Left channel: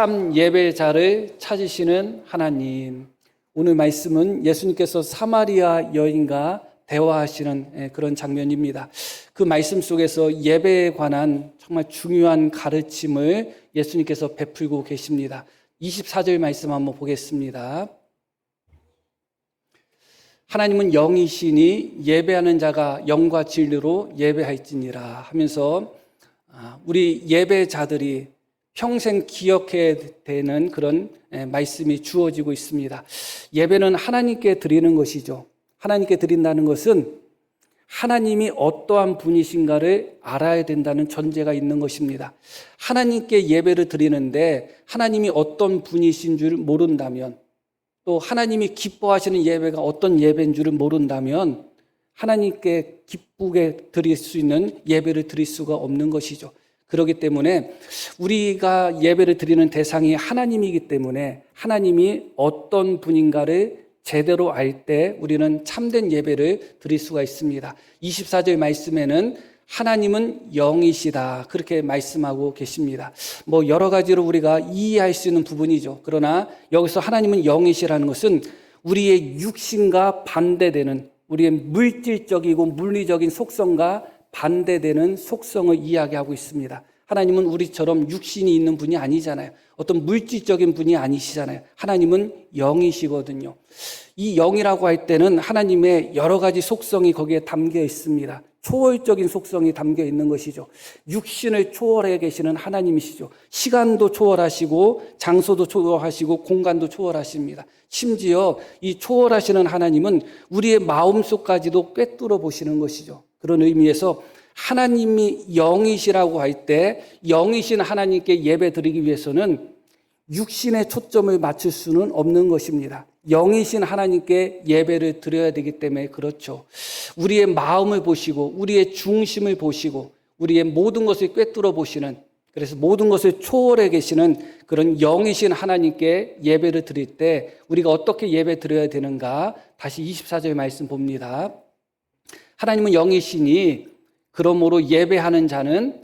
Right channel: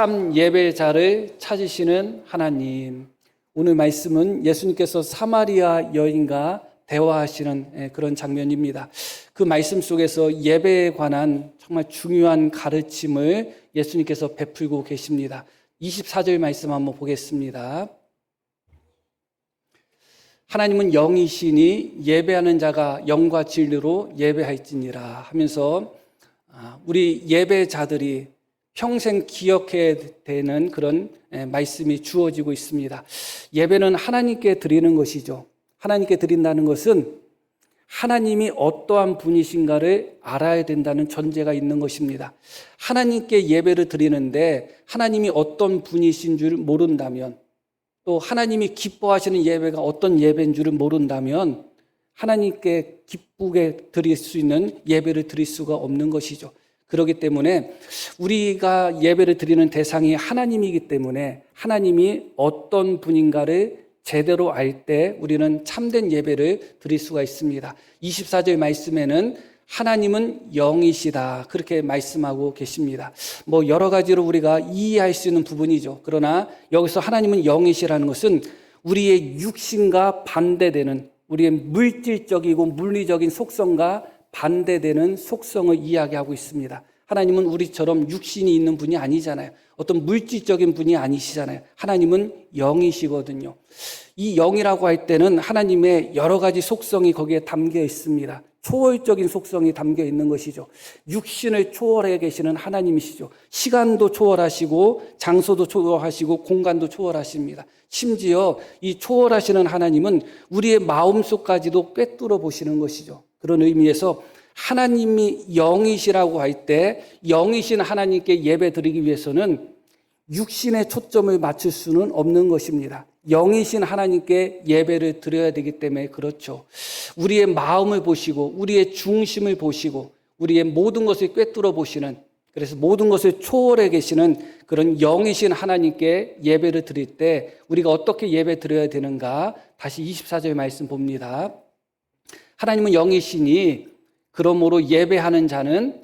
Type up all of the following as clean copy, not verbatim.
참 예배자를 찾으시는 하나님. 오늘 말씀은 예수님께서 사마리아 여인과 대화하시는 그런 장면입니다. 그 말씀 속에서 예배에 관한 정말 중요한 가르침을 예수님께서 베풀고 계십니다. 24절 말씀 한번 보겠습니다. 하나님은 영이시니 예배하는 자가 영과 진리로 예배할지니라 하면서 우리 예배자들이 평생 기억해야 되는 그런 말씀이 주어지고 있습니다. 예배는 하나님께 드리는 것이죠. 하나님께 드린다는 것은 하나님이 어떠한 분이신가를 알아야 된다는 전제가 있는 것입니다. 하나님께 예배를 드리는데 하나님이 어떤 분이신 줄 모른다면, 또 하나님이 기뻐하시는 예배가 어떤 예배인 줄을 모른다면 하나님께 기쁘게 드릴 수 있는 예배를 드릴 수가 없는 것이죠. 그렇기 때문에 우리가 예배를 드리는 대상이 하나님이기 때문에 하나님이 어떤 분인가를 제대로 알 때 우리는 참된 예배를 드릴 수가 있습니다. 24절 말씀에는 하나님은 영이시다, 그렇게 말씀하고 계십니다. 여러 가지로 우리가 이해할 수 있는 부분이죠. 그러나 여기서 하나님은 영이시라는 것은 우리의 육신과 반대되는, 우리의 물질적이고 물리적인 속성과 반대되는 속성을 이야기하고 있습니다. 하나님은 우리처럼 육신이 있는 분이 아니잖아요. 어떤 물질적인 분이 아니시잖아요. 하나님은 영이시거든요. 이 영이라고 할 때는 하나님의 여러 가지 속성이 거기에 담겨 있습니다. 초월적인 속성이 담겨 있는 것이죠. 육신을 초월해 계시는 하나님이시죠. 시간도 초월하시고 장소도 초월하시고 공간도 초월하십니다. 심지어 이 초월하시는 하나님은 우리의 마음속까지도 꿰뚫어 보시는 것이죠. 그런 의미에서 하나님이 영이시라고 할 때 영이신 하나님께 예배 드리기 위해서는 육신의 초점을 맞출 수는 없는 것입니다. 영이신 하나님께 예배를 드려야 되기 때문에 그렇죠. 우리의 마음을 보시고 우리의 중심을 보시고 우리의 모든 것을 꿰뚫어 보시는, 그래서 모든 것을 초월해 계시는 그런 영이신 하나님께 예배를 드릴 때 우리가 어떻게 예배 드려야 되는가? 다시 24절 말씀 봅니다. 하나님은 영이시니 그러므로 예배하는 자는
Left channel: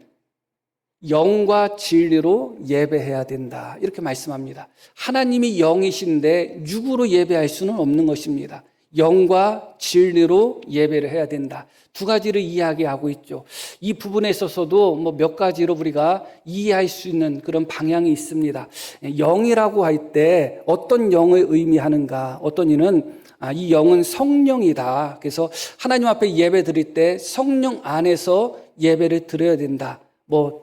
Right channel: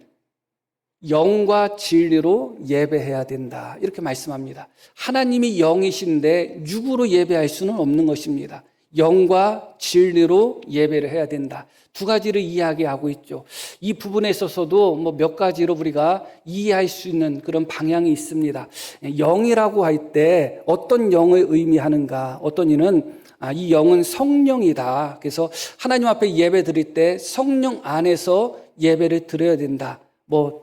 영과 진리로 예배해야 된다, 이렇게 말씀합니다. 하나님이 영이신데 육으로 예배할 수는 없는 것입니다. 영과 진리로 예배를 해야 된다. 두 가지를 이야기하고 있죠. 이 부분에 있어서도 몇 가지로 우리가 이해할 수 있는 그런 방향이 있습니다. 영이라고 할 때 어떤 영을 의미하는가? 어떤 이는 이 영은 성령이다. 그래서 하나님 앞에 예배 드릴 때 성령 안에서 예배를 드려야 된다.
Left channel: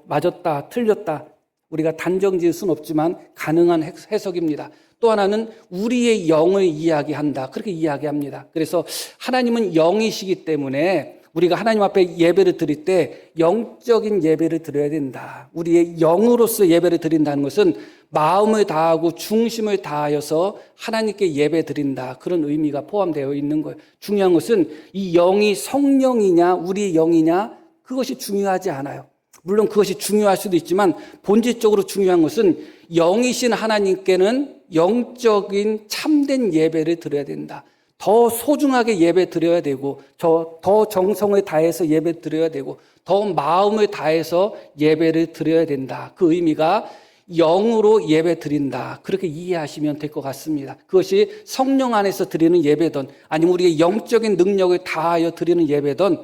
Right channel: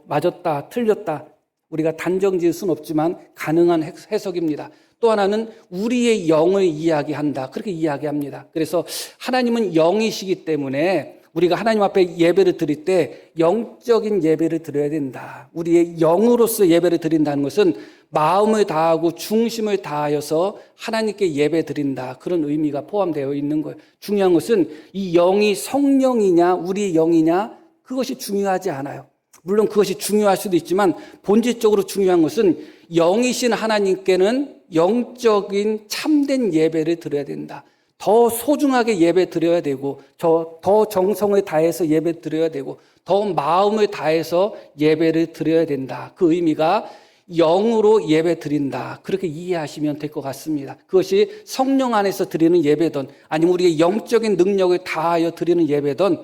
맞았다, 틀렸다, 우리가 단정 지을 수는 없지만 가능한 해석입니다. 또 하나는 우리의 영을 이야기한다, 그렇게 이야기합니다. 그래서 하나님은 영이시기 때문에 우리가 하나님 앞에 예배를 드릴 때 영적인 예배를 드려야 된다. 우리의 영으로서 예배를 드린다는 것은 마음을 다하고 중심을 다하여서 하나님께 예배 드린다, 그런 의미가 포함되어 있는 거예요. 중요한 것은 이 영이 성령이냐 우리의 영이냐, 그것이 중요하지 않아요. 물론 그것이 중요할 수도 있지만 본질적으로 중요한 것은 영이신 하나님께는 영적인 참된 예배를 드려야 된다. 더 소중하게 예배 드려야 되고, 더 정성을 다해서 예배 드려야 되고, 더 마음을 다해서 예배를 드려야 된다. 그 의미가 영으로 예배 드린다, 그렇게 이해하시면 될 것 같습니다. 그것이 성령 안에서 드리는 예배든 아니면 우리의 영적인 능력을 다하여 드리는 예배든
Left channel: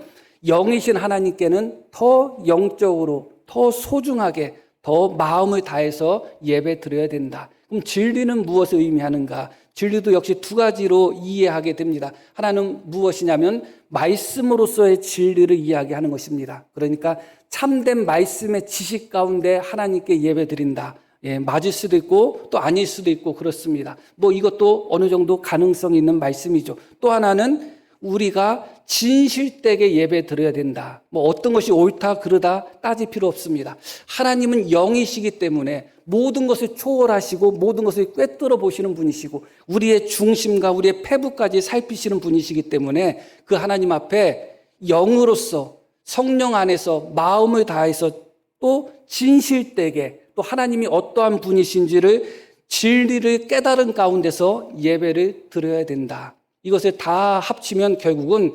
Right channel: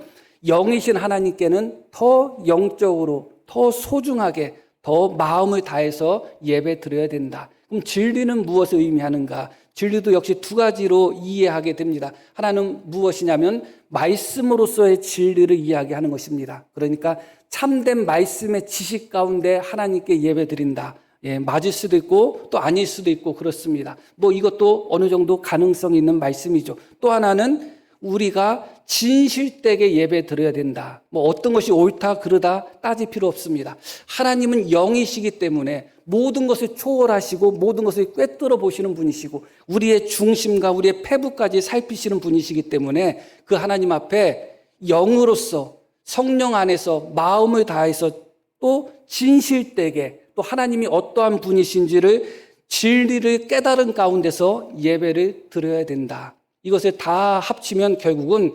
영이신 하나님께는 더 영적으로, 더 소중하게, 더 마음을 다해서 예배 드려야 된다. 그럼 진리는 무엇을 의미하는가? 진리도 역시 두 가지로 이해하게 됩니다. 하나는 무엇이냐면 말씀으로서의 진리를 이야기하는 것입니다. 그러니까 참된 말씀의 지식 가운데 하나님께 예배 드린다. 맞을 수도 있고 또 아닐 수도 있고 그렇습니다. 이것도 어느 정도 가능성이 있는 말씀이죠. 또 하나는 우리가 진실되게 예배 드려야 된다. 어떤 것이 옳다 그르다 따질 필요 없습니다. 하나님은 영이시기 때문에 모든 것을 초월하시고 모든 것을 꿰뚫어 보시는 분이시고 우리의 중심과 우리의 폐부까지 살피시는 분이시기 때문에 그 하나님 앞에 영으로서 성령 안에서 마음을 다해서 또 진실되게, 또 하나님이 어떠한 분이신지를 진리를 깨달은 가운데서 예배를 드려야 된다. 이것에 다 합치면 결국은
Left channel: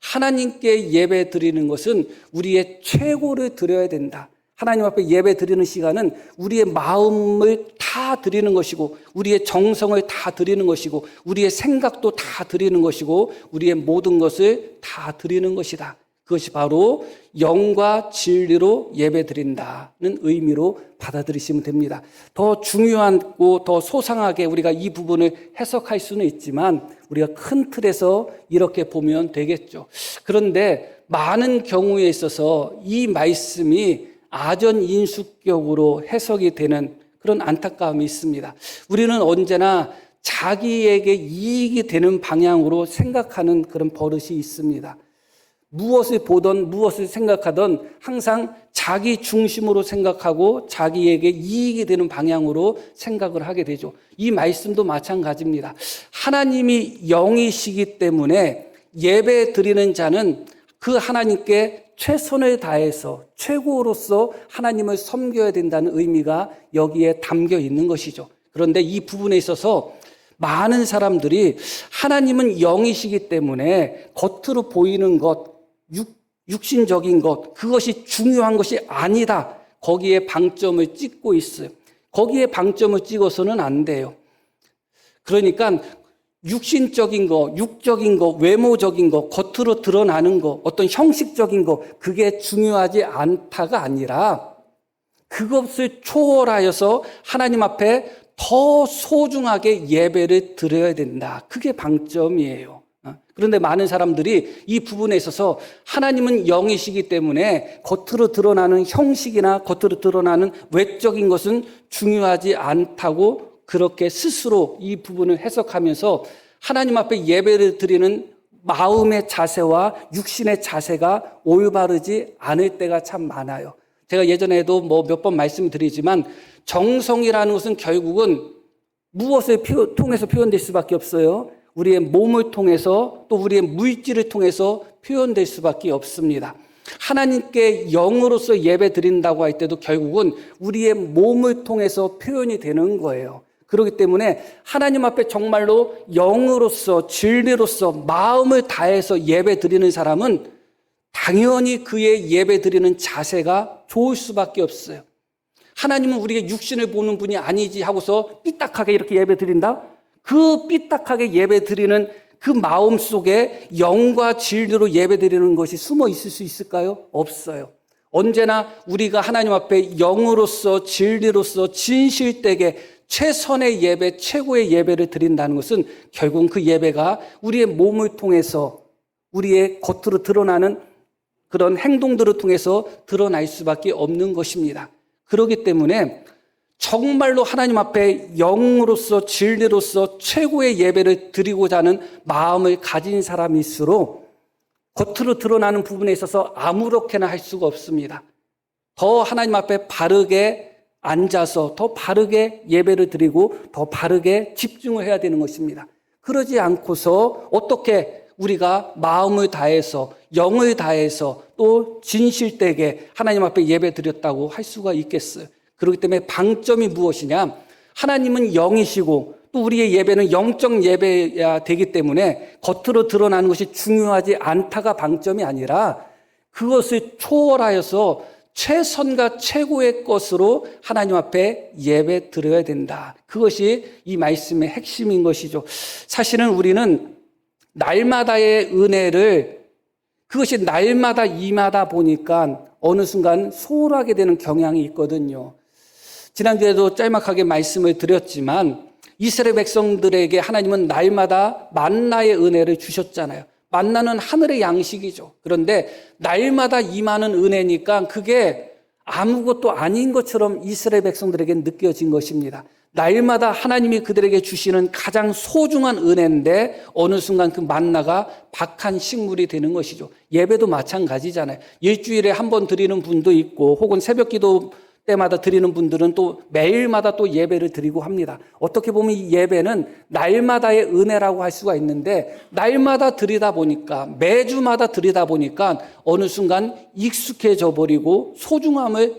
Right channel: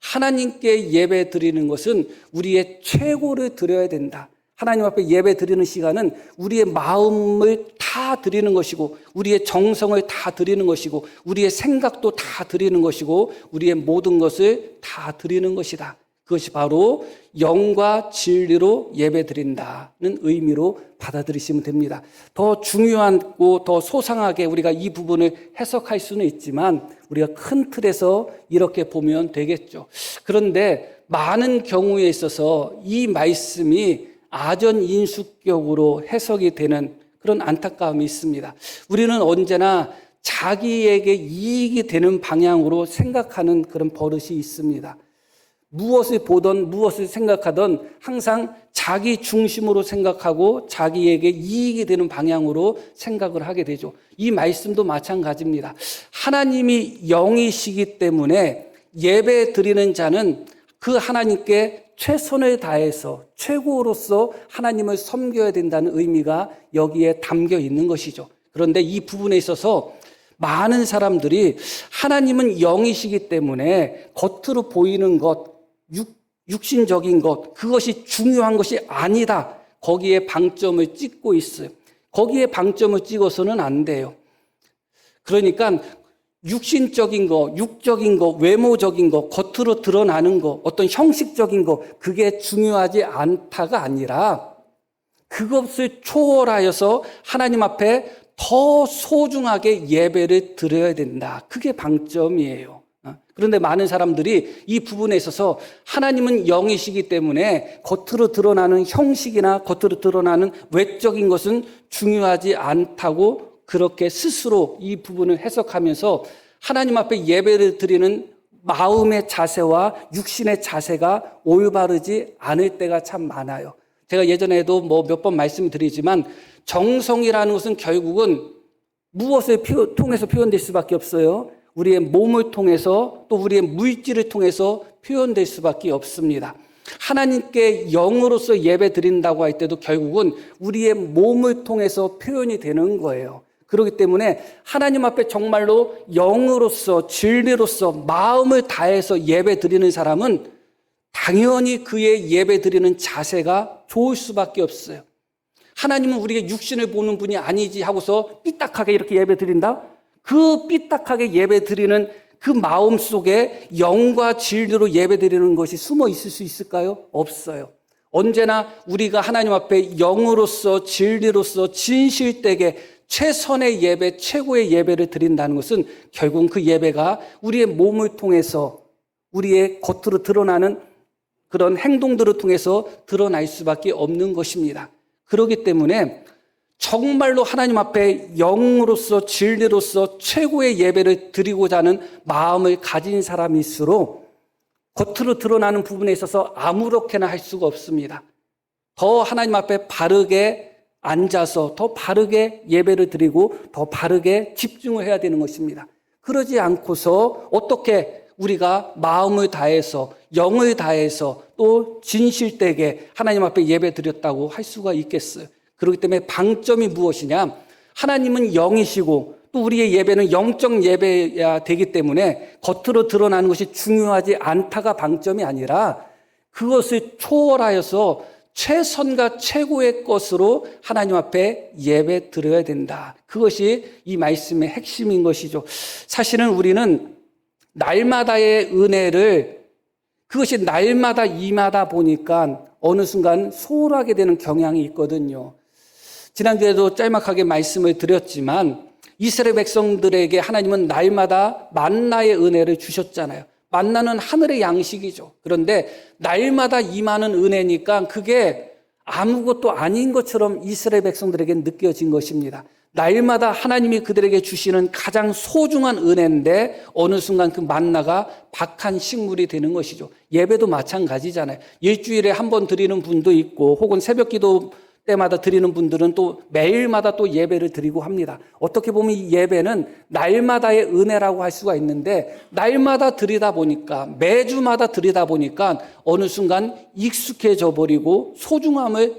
하나님께 예배 드리는 것은 우리의 최고를 드려야 된다. 하나님 앞에 예배 드리는 시간은 우리의 마음을 다 드리는 것이고, 우리의 정성을 다 드리는 것이고, 우리의 생각도 다 드리는 것이고, 우리의 모든 것을 다 드리는 것이다. 그것이 바로 영과 진리로 예배 드린다는 의미로 받아들이시면 됩니다. 더 중요하고 더 소상하게 우리가 이 부분을 해석할 수는 있지만 우리가 큰 틀에서 이렇게 보면 되겠죠. 그런데 많은 경우에 있어서 이 말씀이 아전인수격으로 해석이 되는 그런 안타까움이 있습니다. 우리는 언제나 자기에게 이익이 되는 방향으로 생각하는 그런 버릇이 있습니다. 무엇을 보든 무엇을 생각하든 항상 자기 중심으로 생각하고 자기에게 이익이 되는 방향으로 생각을 하게 되죠. 이 말씀도 마찬가지입니다. 하나님이 영이시기 때문에 예배 드리는 자는 그 하나님께 최선을 다해서 최고로서 하나님을 섬겨야 된다는 의미가 여기에 담겨 있는 것이죠. 그런데 이 부분에 있어서 많은 사람들이 하나님은 영이시기 때문에 겉으로 보이는 것, 육신적인 것, 그것이 중요한 것이 아니다. 거기에 방점을 찍고 있어요. 거기에 방점을 찍어서는 안 돼요. 그러니까 육신적인 거, 육적인 거, 외모적인 거, 겉으로 드러나는 거, 어떤 형식적인 거, 그게 중요하지 않다가 아니라 그것을 초월하여서 하나님 앞에 더 소중하게 예배를 드려야 된다. 그게 방점이에요. 그런데 많은 사람들이 이 부분에 있어서 하나님은 영이시기 때문에 겉으로 드러나는 형식이나 겉으로 드러나는 외적인 것은 중요하지 않다고 그렇게 스스로 이 부분을 해석하면서 하나님 앞에 예배를 드리는 마음의 자세와 육신의 자세가 올바르지 않을 때가 참 많아요. 제가 예전에도 몇 번 말씀드리지만 정성이라는 것은 결국은 무엇을 통해서 표현될 수밖에 없어요. 우리의 몸을 통해서 또 우리의 물질을 통해서 표현될 수밖에 없습니다. 하나님께 영으로서 예배 드린다고 할 때도 결국은 우리의 몸을 통해서 표현이 되는 거예요. 그렇기 때문에 하나님 앞에 정말로 영으로서 진리로서 마음을 다해서 예배 드리는 사람은 당연히 그의 예배 드리는 자세가 좋을 수밖에 없어요. 하나님은 우리가 육신을 보는 분이 아니지 하고서 삐딱하게 이렇게 예배 드린다? 그 삐딱하게 예배 드리는 그 마음 속에 영과 진리로 예배 드리는 것이 숨어 있을 수 있을까요? 없어요. 언제나 우리가 하나님 앞에 영으로서 진리로서 진실되게 최선의 예배, 최고의 예배를 드린다는 것은 결국은 그 예배가 우리의 몸을 통해서 우리의 겉으로 드러나는 그런 행동들을 통해서 드러날 수밖에 없는 것입니다. 그렇기 때문에 정말로 하나님 앞에 영으로서 진리로서 최고의 예배를 드리고자 하는 마음을 가진 사람일수록 겉으로 드러나는 부분에 있어서 아무렇게나 할 수가 없습니다. 더 하나님 앞에 바르게 앉아서 더 바르게 예배를 드리고 더 바르게 집중을 해야 되는 것입니다. 그러지 않고서 어떻게 우리가 마음을 다해서 영을 다해서 또 진실되게 하나님 앞에 예배 드렸다고 할 수가 있겠어요? 그렇기 때문에 방점이 무엇이냐? 하나님은 영이시고 또 우리의 예배는 영적 예배야 되기 때문에 겉으로 드러나는 것이 중요하지 않다가 방점이 아니라 그것을 초월하여서 최선과 최고의 것으로 하나님 앞에 예배 드려야 된다. 그것이 이 말씀의 핵심인 것이죠. 사실은 우리는 날마다의 은혜를 그것이 날마다 임하다 보니까 어느 순간 소홀하게 되는 경향이 있거든요. 지난주에도 짤막하게 말씀을 드렸지만 이스라엘 백성들에게 하나님은 날마다 만나의 은혜를 주셨잖아요. 만나는 하늘의 양식이죠. 그런데 날마다 임하는 은혜니까 그게 아무것도 아닌 것처럼 이스라엘 백성들에게 느껴진 것입니다. 날마다 하나님이 그들에게 주시는 가장 소중한 은혜인데 어느 순간 그 만나가 박한 식물이 되는 것이죠. 예배도 마찬가지잖아요. 일주일에 한 번 드리는 분도 있고 혹은 새벽 기도 때마다 드리는 분들은 또 매일마다 또 예배를 드리고 합니다. 어떻게 보면 이 예배는 날마다의 은혜라고 할 수가 있는데 날마다 드리다 보니까 매주마다 드리다 보니까 어느 순간 익숙해져 버리고 소중함을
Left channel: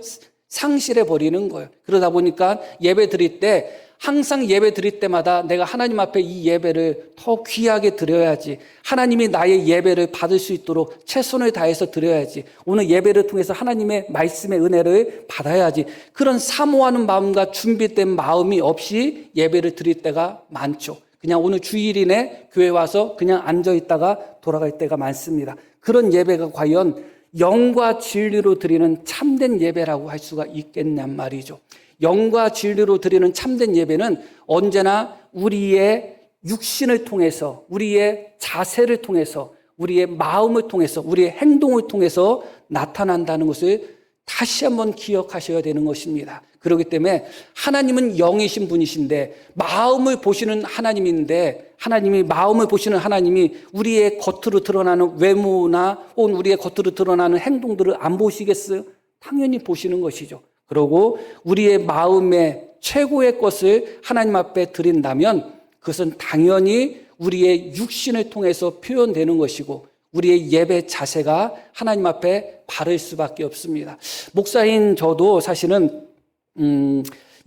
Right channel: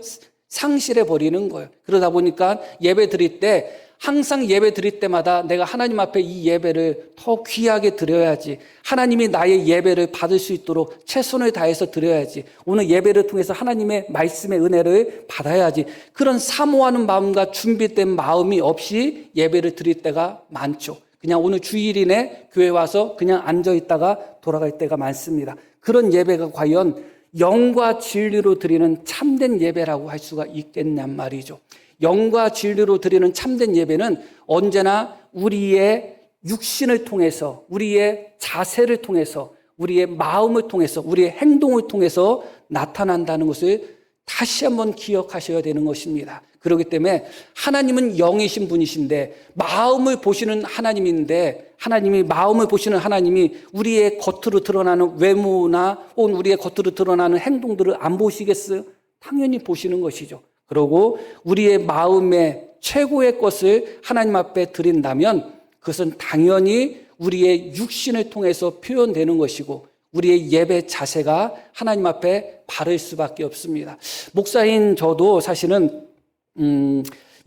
상실해 버리는 거예요. 그러다 보니까 예배 드릴 때 항상 예배 드릴 때마다 내가 하나님 앞에 이 예배를 더 귀하게 드려야지. 하나님이 나의 예배를 받을 수 있도록 최선을 다해서 드려야지. 오늘 예배를 통해서 하나님의 말씀의 은혜를 받아야지. 그런 사모하는 마음과 준비된 마음이 없이 예배를 드릴 때가 많죠. 그냥 오늘 주일이네 교회 와서 그냥 앉아 있다가 돌아갈 때가 많습니다. 그런 예배가 과연 영과 진리로 드리는 참된 예배라고 할 수가 있겠냔 말이죠. 영과 진리로 드리는 참된 예배는 언제나 우리의 육신을 통해서, 우리의 자세를 통해서, 우리의 마음을 통해서, 우리의 행동을 통해서 나타난다는 것을 다시 한번 기억하셔야 되는 것입니다. 그렇기 때문에 하나님은 영이신 분이신데 마음을 보시는 하나님인데, 하나님이 마음을 보시는 하나님이 우리의 겉으로 드러나는 외모나 혹은 우리의 겉으로 드러나는 행동들을 안 보시겠어요? 당연히 보시는 것이죠. 그리고 우리의 마음의 최고의 것을 하나님 앞에 드린다면 그것은 당연히 우리의 육신을 통해서 표현되는 것이고 우리의 예배 자세가 하나님 앞에 바를 수밖에 없습니다. 목사인 저도 사실은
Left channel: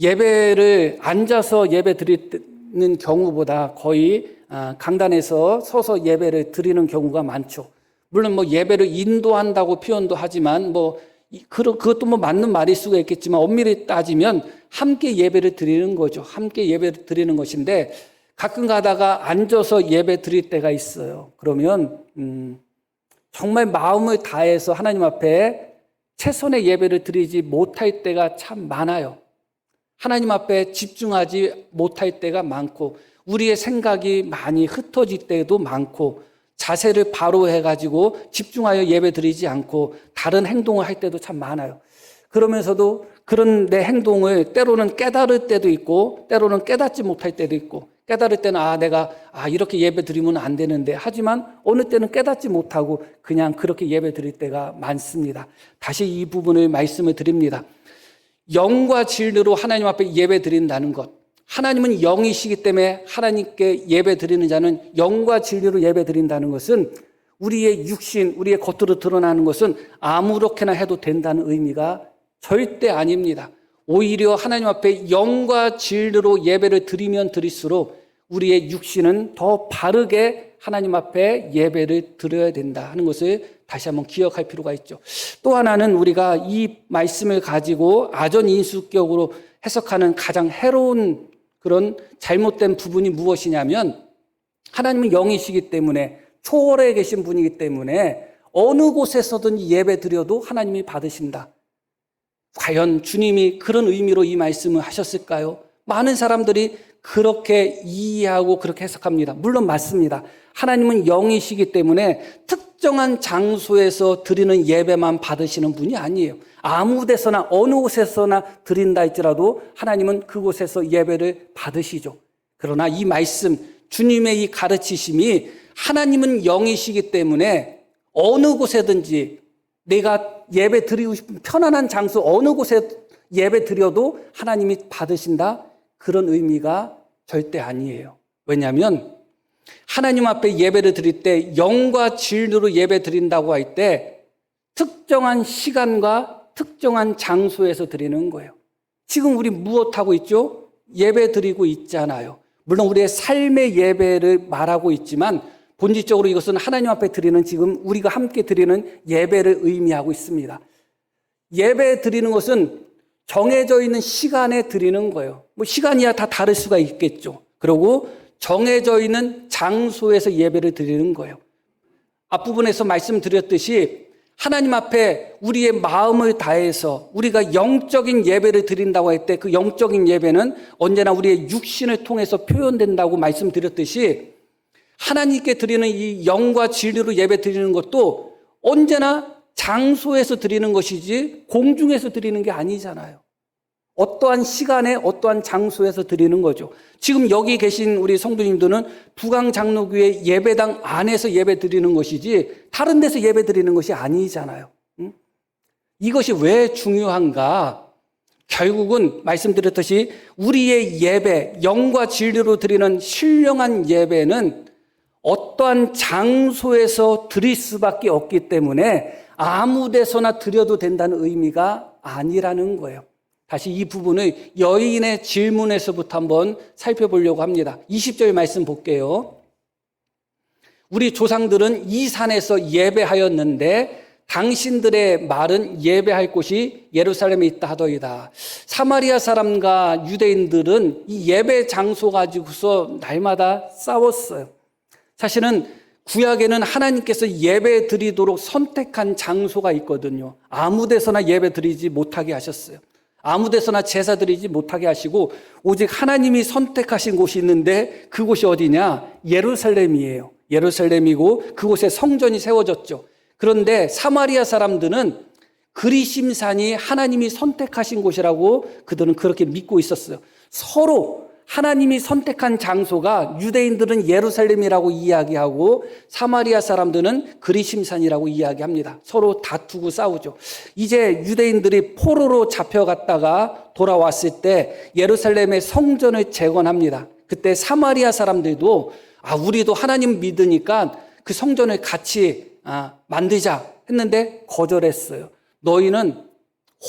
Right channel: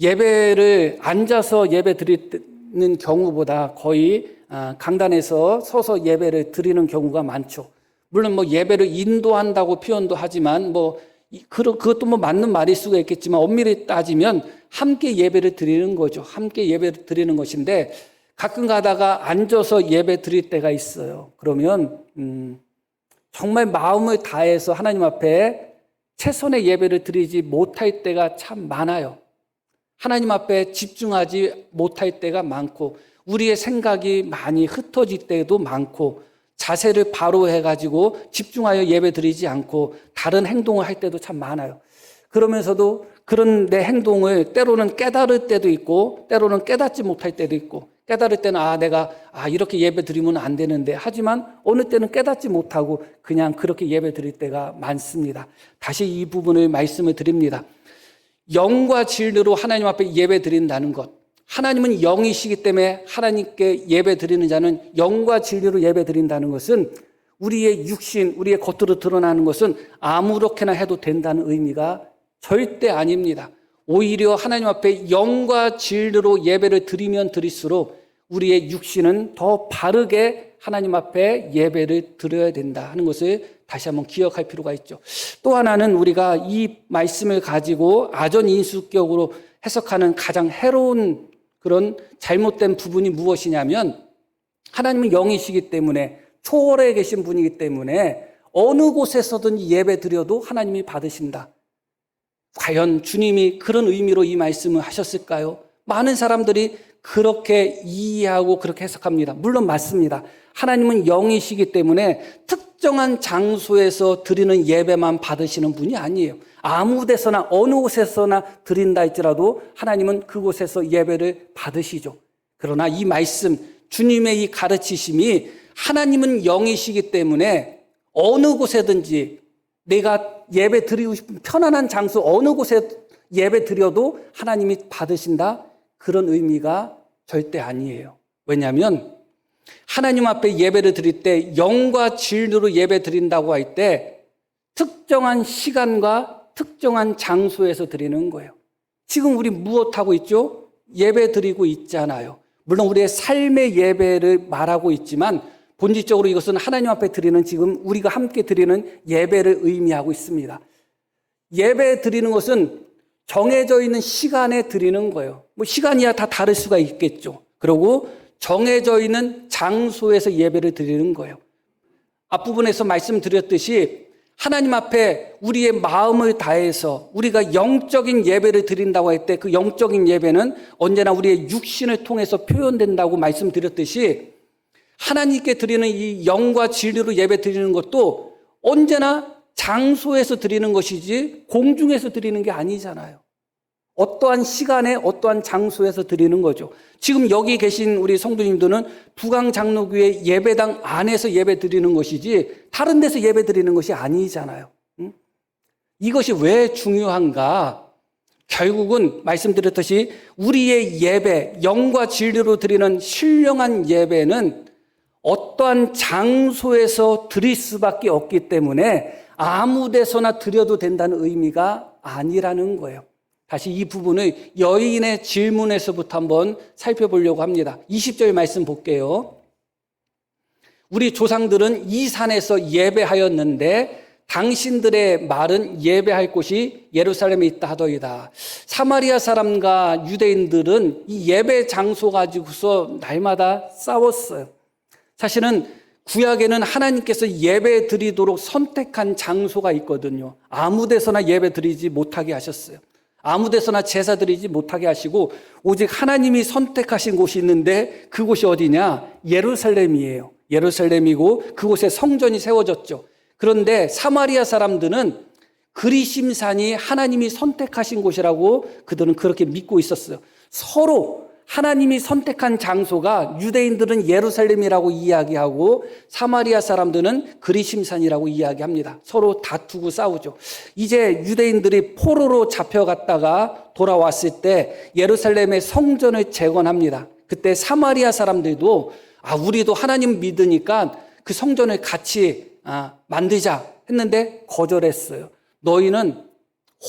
예배를 앉아서 예배 드리는 경우보다 거의 강단에서 서서 예배를 드리는 경우가 많죠. 물론 뭐 예배를 인도한다고 표현도 하지만 그것도 맞는 말일 수가 있겠지만 엄밀히 따지면 함께 예배를 드리는 거죠. 함께 예배를 드리는 것인데 가끔 가다가 앉아서 예배 드릴 때가 있어요. 그러면 정말 마음을 다해서 하나님 앞에 최선의 예배를 드리지 못할 때가 참 많아요. 하나님 앞에 집중하지 못할 때가 많고 우리의 생각이 많이 흩어질 때도 많고 자세를 바로 해가지고 집중하여 예배 드리지 않고 다른 행동을 할 때도 참 많아요. 그러면서도 그런 내 행동을 때로는 깨달을 때도 있고 때로는 깨닫지 못할 때도 있고 깨달을 때는 내가 이렇게 예배 드리면 안 되는데 하지만 어느 때는 깨닫지 못하고 그냥 그렇게 예배 드릴 때가 많습니다. 다시 이 부분을 말씀을 드립니다. 영과 진리로 하나님 앞에 예배 드린다는 것, 하나님은 영이시기 때문에 하나님께 예배 드리는 자는 영과 진리로 예배 드린다는 것은 우리의 육신, 우리의 겉으로 드러나는 것은 아무렇게나 해도 된다는 의미가 절대 아닙니다. 오히려 하나님 앞에 영과 진리로 예배를 드리면 드릴수록 우리의 육신은 더 바르게 하나님 앞에 예배를 드려야 된다 하는 것을 다시 한번 기억할 필요가 있죠. 또 하나는 우리가 이 말씀을 가지고 아전인수격으로 해석하는 가장 해로운 그런 잘못된 부분이 무엇이냐면 하나님은 영이시기 때문에 초월해 계신 분이기 때문에 어느 곳에서든지 예배 드려도 하나님이 받으신다. 과연 주님이 그런 의미로 이 말씀을 하셨을까요? 많은 사람들이 그렇게 이해하고 그렇게 해석합니다. 물론 맞습니다. 하나님은 영이시기 때문에 특정한 장소에서 드리는 예배만 받으시는 분이 아니에요. 아무 데서나 어느 곳에서나 드린다 할지라도 하나님은 그곳에서 예배를 받으시죠. 그러나 이 말씀, 주님의 이 가르치심이 하나님은 영이시기 때문에 어느 곳에든지 내가 예배 드리고 싶은 편안한 장소 어느 곳에 예배 드려도 하나님이 받으신다? 그런 의미가 절대 아니에요. 왜냐하면 하나님 앞에 예배를 드릴 때 영과 진리로 예배 드린다고 할 때 특정한 시간과 특정한 장소에서 드리는 거예요. 지금 우리 무엇하고 있죠? 예배 드리고 있잖아요. 물론 우리의 삶의 예배를 말하고 있지만 본질적으로 이것은 하나님 앞에 드리는 지금 우리가 함께 드리는 예배를 의미하고 있습니다. 예배 드리는 것은 정해져 있는 시간에 드리는 거예요. 시간이야 다 다를 수가 있겠죠. 그리고 정해져 있는 장소에서 예배를 드리는 거예요. 앞부분에서 말씀드렸듯이 하나님 앞에 우리의 마음을 다해서 우리가 영적인 예배를 드린다고 할 때 그 영적인 예배는 언제나 우리의 육신을 통해서 표현된다고 말씀드렸듯이 하나님께 드리는 이 영과 진리로 예배 드리는 것도 언제나 장소에서 드리는 것이지 공중에서 드리는 게 아니잖아요. 어떠한 시간에 어떠한 장소에서 드리는 거죠. 지금 여기 계신 우리 성도님들은 부강장로교회 예배당 안에서 예배 드리는 것이지 다른 데서 예배 드리는 것이 아니잖아요. 이것이 왜 중요한가? 결국은 말씀드렸듯이 우리의 예배, 영과 진리로 드리는 신령한 예배는 어떠한 장소에서 드릴 수밖에 없기 때문에 아무 데서나 드려도 된다는 의미가 아니라는 거예요. 다시 이 부분을 여인의 질문에서부터 한번 살펴보려고 합니다. 20절 말씀 볼게요. 우리 조상들은 이 산에서 예배하였는데 당신들의 말은 예배할 곳이 예루살렘에 있다 하더이다. 사마리아 사람과 유대인들은 이 예배 장소 가지고서 날마다 싸웠어요. 사실은 구약에는 하나님께서 예배 드리도록 선택한 장소가 있거든요. 아무 데서나 예배 드리지 못하게 하셨어요. 아무 데서나 제사 드리지 못하게 하시고 오직 하나님이 선택하신 곳이 있는데 그곳이 어디냐? 예루살렘이에요. 예루살렘이고 그곳에 성전이 세워졌죠. 그런데 사마리아 사람들은 그리심산이 하나님이 선택하신 곳이라고 그들은 그렇게 믿고 있었어요. 서로 하나님이 선택한 장소가 유대인들은 예루살렘이라고 이야기하고 사마리아 사람들은 그리심산이라고 이야기합니다. 서로 다투고 싸우죠. 이제 유대인들이 포로로 잡혀갔다가 돌아왔을 때 예루살렘의 성전을 재건합니다. 그때 사마리아 사람들도 우리도 하나님 믿으니까 그 성전을 같이 만들자 했는데 거절했어요. 너희는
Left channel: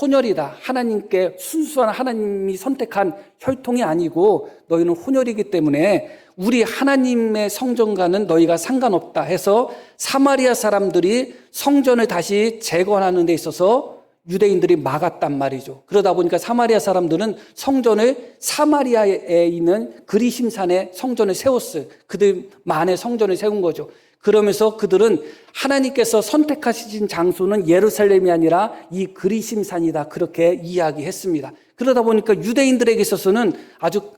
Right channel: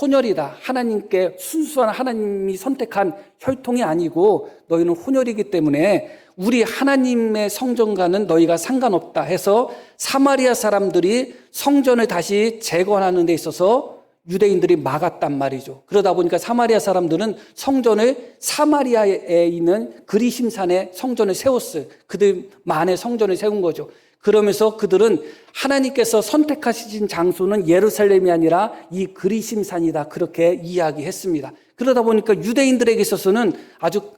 혼혈이다. 하나님께 순수한 하나님이 선택한 혈통이 아니고 너희는 혼혈이기 때문에 우리 하나님의 성전과는 너희가 상관없다 해서 사마리아 사람들이 성전을 다시 재건하는 데 있어서 유대인들이 막았단 말이죠. 그러다 보니까 사마리아 사람들은 성전을 사마리아에 있는 그리심산에 성전을 세웠어요. 그들만의 성전을 세운 거죠. 그러면서 그들은 하나님께서 선택하신 장소는 예루살렘이 아니라 이 그리심산이다 그렇게 이야기했습니다. 그러다 보니까 유대인들에게 있어서는 아주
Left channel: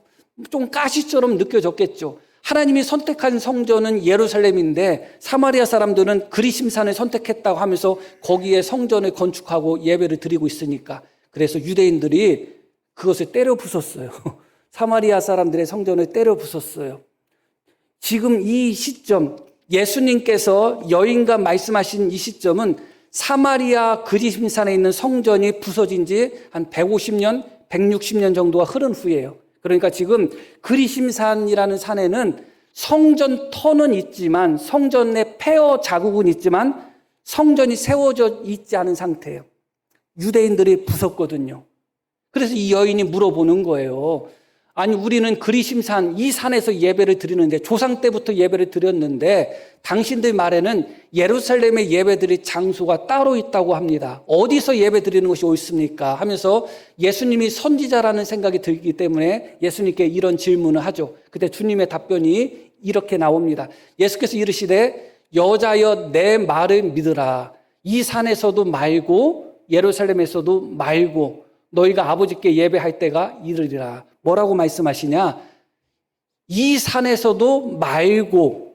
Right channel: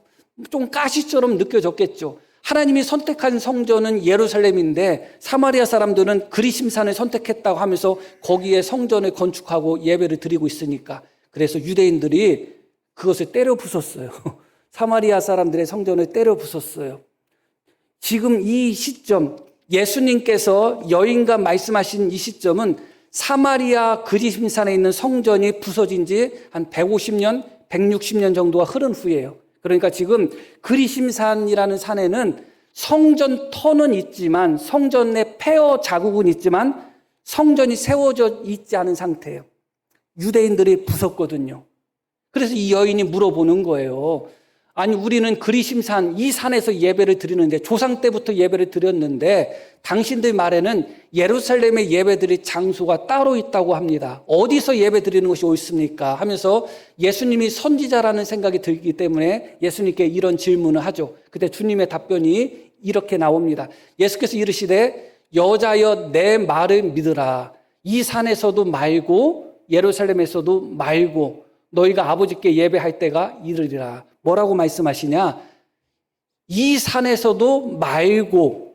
좀 가시처럼 느껴졌겠죠. 하나님이 선택한 성전은 예루살렘인데 사마리아 사람들은 그리심산을 선택했다고 하면서 거기에 성전을 건축하고 예배를 드리고 있으니까 그래서 유대인들이 그것을 때려 부쉈어요. 사마리아 사람들의 성전을 때려 부쉈어요. 지금 이 시점 예수님께서 여인과 말씀하신 이 시점은 사마리아 그리심산에 있는 성전이 부서진 지 한 150년, 160년 정도가 흐른 후예요. 그러니까 지금 그리심산이라는 산에는 성전 터는 있지만 성전의 폐허 자국은 있지만 성전이 세워져 있지 않은 상태예요. 유대인들이 부쉈거든요. 그래서 이 여인이 물어보는 거예요. 아니 우리는 그리심산 이 산에서 예배를 드리는데 조상 때부터 예배를 드렸는데 당신들 말에는 예루살렘에 예배드릴 장소가 따로 있다고 합니다. 어디서 예배 드리는 것이 옳습니까? 하면서 예수님이 선지자라는 생각이 들기 때문에 예수님께 이런 질문을 하죠. 그때 주님의 답변이 이렇게 나옵니다. 예수께서 이르시되 여자여 내 말을 믿으라. 이 산에서도 말고 예루살렘에서도 말고 너희가 아버지께 예배할 때가 이르리라. 뭐라고 말씀하시냐? 이 산에서도 말고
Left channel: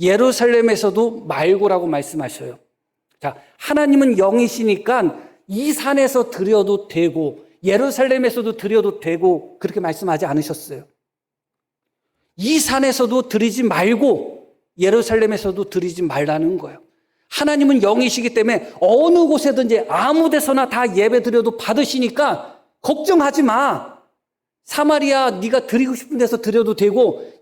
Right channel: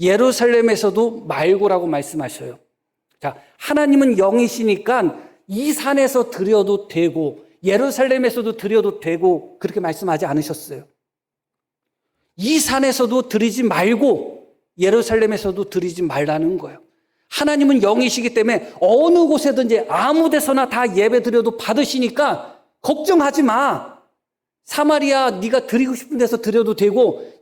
예루살렘에서도 말고라고 말씀하셔요. 자, 하나님은 영이시니까 이 산에서 드려도 되고 예루살렘에서도 드려도 되고 그렇게 말씀하지 않으셨어요. 이 산에서도 드리지 말고 예루살렘에서도 드리지 말라는 거예요. 하나님은 영이시기 때문에 어느 곳에든지 아무 데서나 다 예배 드려도 받으시니까 걱정하지 마. 사마리아 네가 드리고 싶은 데서 드려도 되고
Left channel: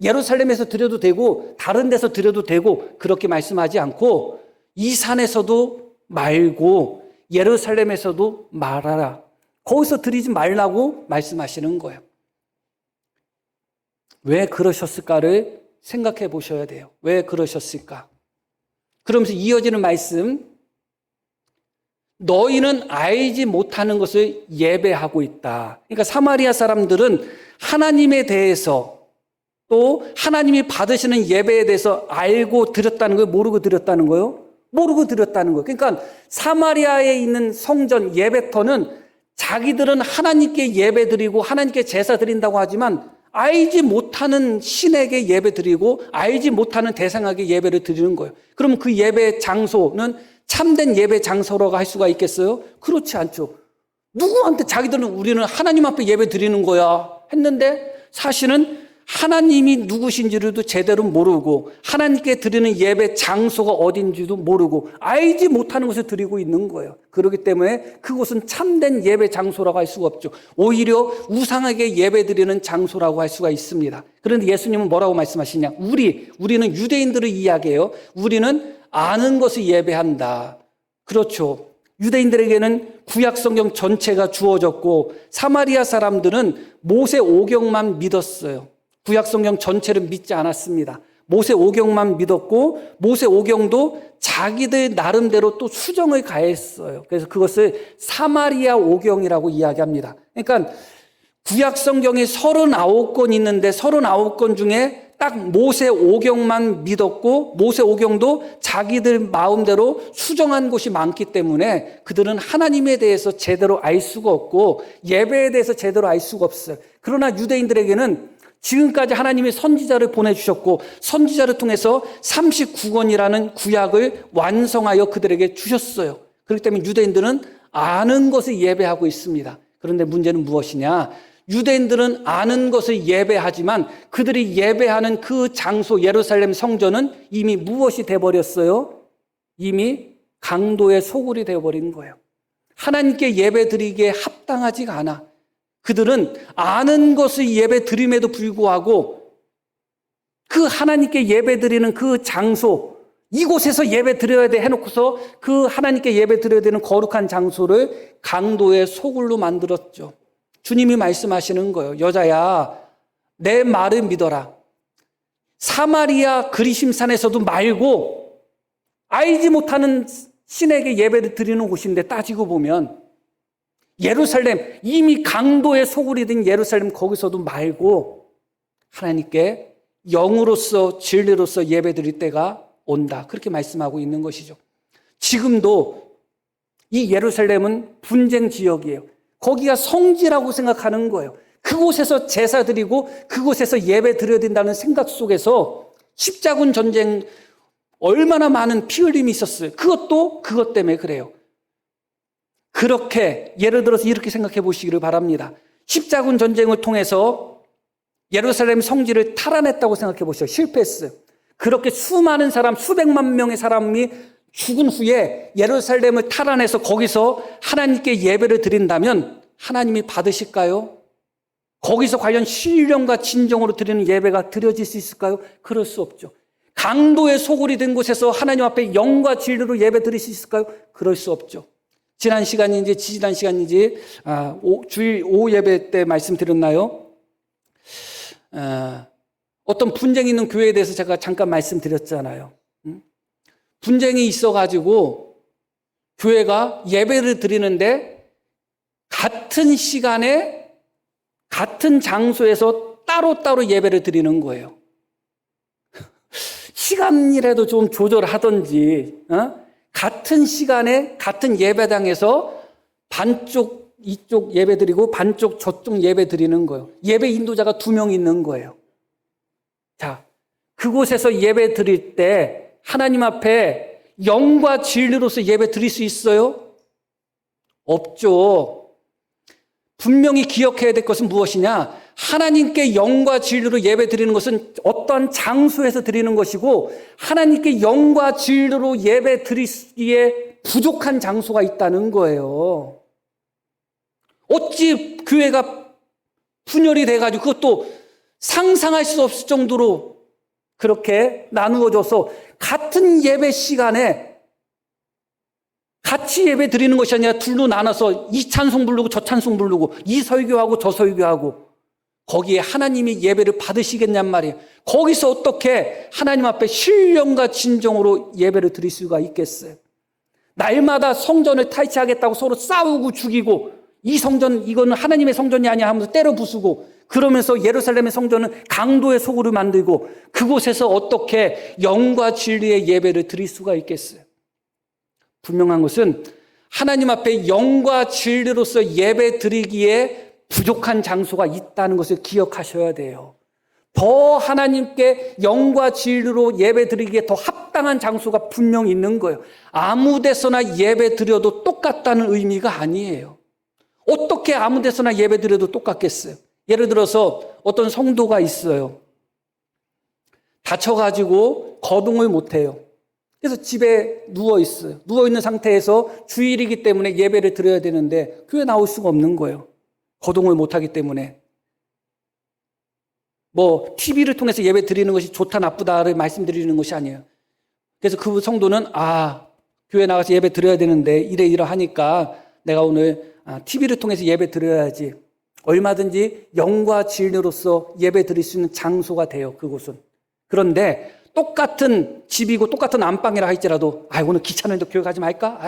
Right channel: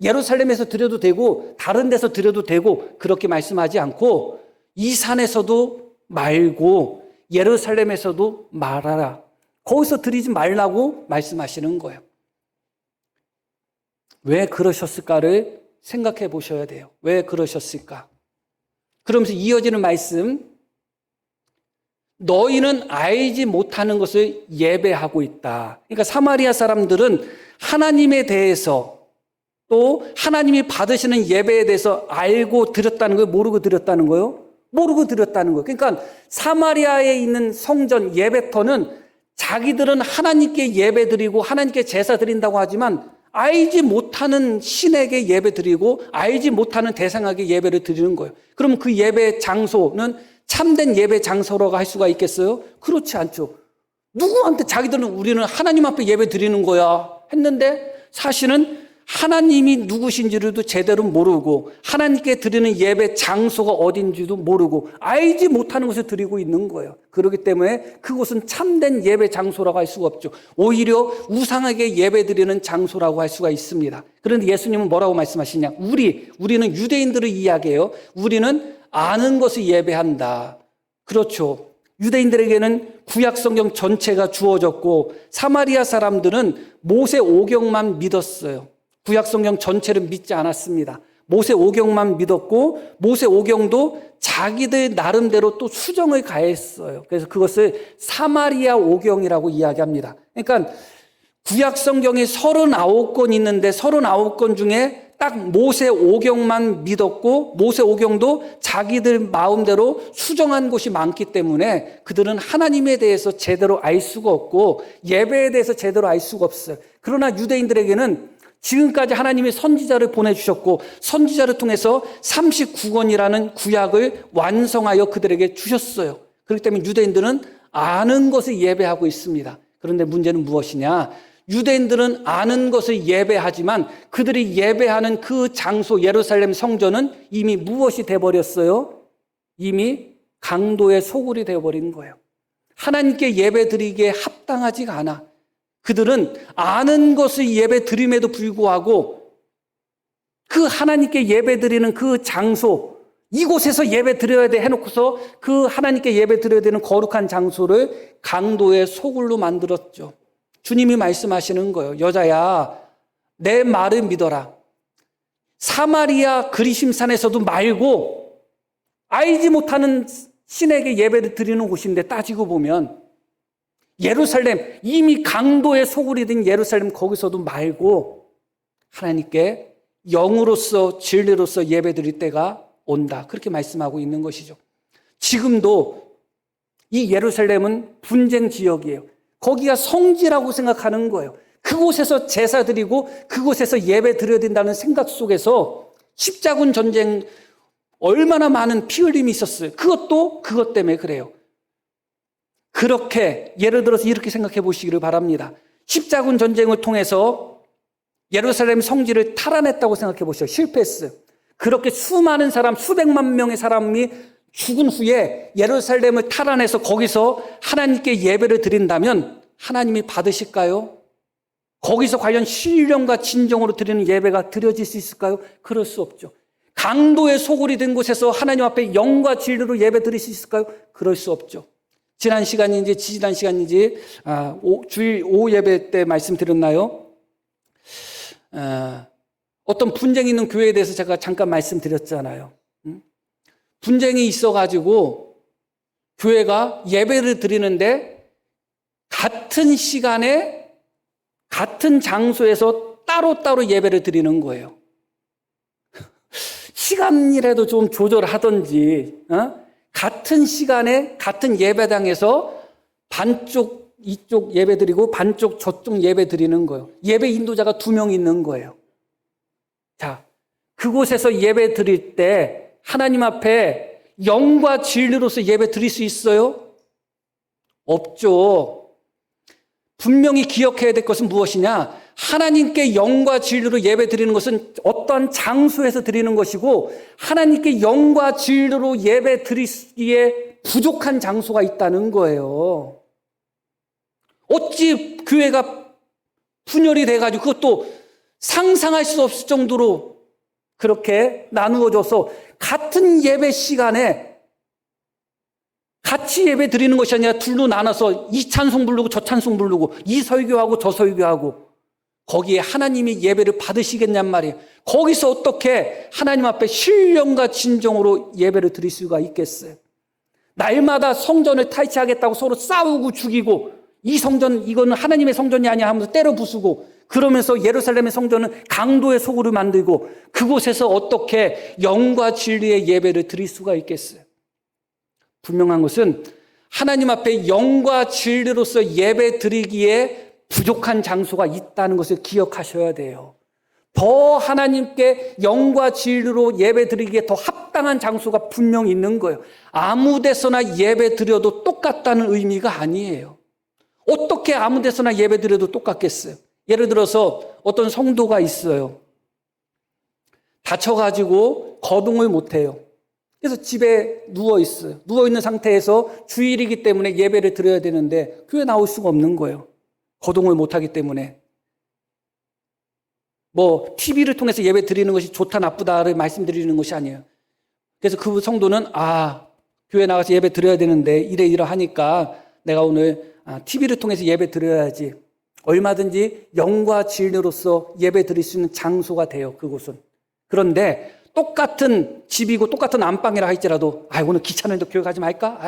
예루살렘에서 드려도 되고 다른 데서 드려도 되고 그렇게 말씀하지 않고 이 산에서도 말고 예루살렘에서도 말하라. 거기서 드리지 말라고 말씀하시는 거예요. 왜 그러셨을까를 생각해 보셔야 돼요. 왜 그러셨을까? 그러면서 이어지는 말씀, 너희는 알지 못하는 것을 예배하고 있다. 그러니까 사마리아 사람들은 하나님에 대해서 또 하나님이 받으시는 예배에 대해서 알고 드렸다는 걸 모르고 드렸다는 거예요. 모르고 드렸다는 거예요. 그러니까 사마리아에 있는 성전 예배터는 자기들은 하나님께 예배드리고 하나님께 제사 드린다고 하지만 알지 못하는 신에게 예배드리고 알지 못하는 대상에게 예배를 드리는 거예요. 그러면 그 예배 장소는 참된 예배 장소라고 할 수가 있겠어요? 그렇지 않죠. 누구한테 자기들은 우리는 하나님 앞에 예배 드리는 거야 했는데 사실은 하나님이 누구신지도 제대로 모르고 하나님께 드리는 예배 장소가 어딘지도 모르고 알지 못하는 것을 드리고 있는 거예요. 그렇기 때문에 그곳은 참된 예배 장소라고 할 수가 없죠. 오히려 우상에게 예배 드리는 장소라고 할 수가 있습니다. 그런데 예수님은 뭐라고 말씀하시냐? 우리는 유대인들을 이야기해요. 우리는 아는 것을 예배한다. 그렇죠. 유대인들에게는 구약 성경 전체가 주어졌고 사마리아 사람들은 모세 오경만 믿었어요. 구약 성경 전체를 믿지 않았습니다. 모세 오경만 믿었고 모세 오경도 자기들 나름대로 또 수정을 가했어요. 그래서 그것을 사마리아 오경이라고 이야기합니다. 그러니까 구약 성경에 39권 있는데 39권 중에 딱 모세 오경만 믿었고 모세 오경도 자기들 마음대로 수정한 곳이 많기 때문에 그들은 하나님에 대해서 제대로 알 수가 없고 예배에 대해서 제대로 알 수가 없어요. 그러나 유대인들에게는 지금까지 하나님이 선지자를 보내주셨고 선지자를 통해서 39권이라는 구약을 완성하여 그들에게 주셨어요. 그렇기 때문에 유대인들은 아는 것을 예배하고 있습니다. 그런데 문제는 무엇이냐? 유대인들은 아는 것을 예배하지만 그들이 예배하는 그 장소 예루살렘 성전은 이미 무엇이 되어버렸어요? 이미 강도의 소굴이 되어버린 거예요. 하나님께 예배드리기에 합당하지가 않아. 그들은 아는 것을 예배드림에도 불구하고 그 하나님께 예배드리는 그 장소 이곳에서 예배드려야 돼 해놓고서 그 하나님께 예배드려야 되는 거룩한 장소를 강도의 소굴로 만들었죠. 주님이 말씀하시는 거예요. 여자야, 내 말을 믿어라. 사마리아 그리심산에서도 말고 알지 못하는 신에게 예배를 드리는 곳인데 따지고 보면 예루살렘, 이미 강도의 소굴이 된 예루살렘 거기서도 말고 하나님께 영으로서 진리로서 예배드릴 때가 온다. 그렇게 말씀하고 있는 것이죠. 지금도 이 예루살렘은 분쟁 지역이에요. 거기가 성지라고 생각하는 거예요. 그곳에서 제사 드리고 그곳에서 예배 드려야 된다는 생각 속에서 십자군 전쟁 얼마나 많은 피 흘림이 있었어요. 그것도 그것 때문에 그래요. 그렇게 예를 들어서 이렇게 생각해 보시기를 바랍니다. 십자군 전쟁을 통해서 예루살렘 성지를 탈환했다고 생각해 보시죠. 실패했어요. 그렇게 수많은 사람, 수백만 명의 사람이 죽은 후에 예루살렘을 탈환해서 거기서 하나님께 예배를 드린다면 하나님이 받으실까요? 거기서 과연 신령과 진정으로 드리는 예배가 드려질 수 있을까요? 그럴 수 없죠. 강도의 소굴이 된 곳에서 하나님 앞에 영과 진리로 예배 드릴 수 있을까요? 그럴 수 없죠. 지난 시간인지 지지난 시간인지 주일 오후 예배 때 말씀드렸나요? 어떤 분쟁이 있는 교회에 대해서 제가 잠깐 말씀드렸잖아요. 분쟁이 있어가지고 교회가 예배를 드리는데 같은 시간에 같은 장소에서 따로따로 예배를 드리는 거예요. 시간이라도 좀 조절하든지 같은 시간에 같은 예배당에서 반쪽 이쪽 예배 드리고 반쪽 저쪽 예배 드리는 거예요. 예배 인도자가 2명 있는 거예요. 자, 그곳에서 예배 드릴 때 하나님 앞에 영과 진리로서 예배 드릴 수 있어요? 없죠. 분명히 기억해야 될 것은 무엇이냐? 하나님께 영과 진리로 예배 드리는 것은 어떠한 장소에서 드리는 것이고 하나님께 영과 진리로 예배 드리기에 부족한 장소가 있다는 거예요. 어찌 교회가 분열이 돼가지고 그것도 상상할 수 없을 정도로 그렇게 나누어져서 같은 예배 시간에 같이 예배 드리는 것이 아니라 둘로 나눠서 이 찬송 부르고 저 찬송 부르고 이 설교하고 저 설교하고 거기에 하나님이 예배를 받으시겠냔 말이에요. 거기서 어떻게 하나님 앞에 신령과 진정으로 예배를 드릴 수가 있겠어요? 날마다 성전을 탈취하겠다고 서로 싸우고 죽이고 이 성전 이거는 하나님의 성전이 아니야 하면서 때려 부수고 그러면서 예루살렘의 성전은 강도의 소굴을 만들고 그곳에서 어떻게 영과 진리의 예배를 드릴 수가 있겠어요? 분명한 것은 하나님 앞에 영과 진리로서 예배 드리기에 부족한 장소가 있다는 것을 기억하셔야 돼요. 더 하나님께 영과 진리로 예배 드리기에 더 합당한 장소가 분명히 있는 거예요. 아무 데서나 예배 드려도 똑같다는 의미가 아니에요. 어떻게 아무 데서나 예배 드려도 똑같겠어요? 예를 들어서 어떤 성도가 있어요. 다쳐가지고 거동을 못해요. 그래서 집에 누워있어요. 누워있는 상태에서 주일이기 때문에 예배를 드려야 되는데 교회 나올 수가 없는 거예요. 거동을 못하기 때문에. TV를 통해서 예배 드리는 것이 좋다 나쁘다를 말씀드리는 것이 아니에요. 그래서 그 성도는 교회 나가서 예배 드려야 되는데 이래 하니까 내가 오늘 TV를 통해서 예배 드려야지. 얼마든지 영과 진리로서 예배 드릴 수 있는 장소가 돼요, 그곳은. 그런데 똑같은 집이고 똑같은 안방이라 할지라도 오늘 귀찮은데 교회 가지 말까?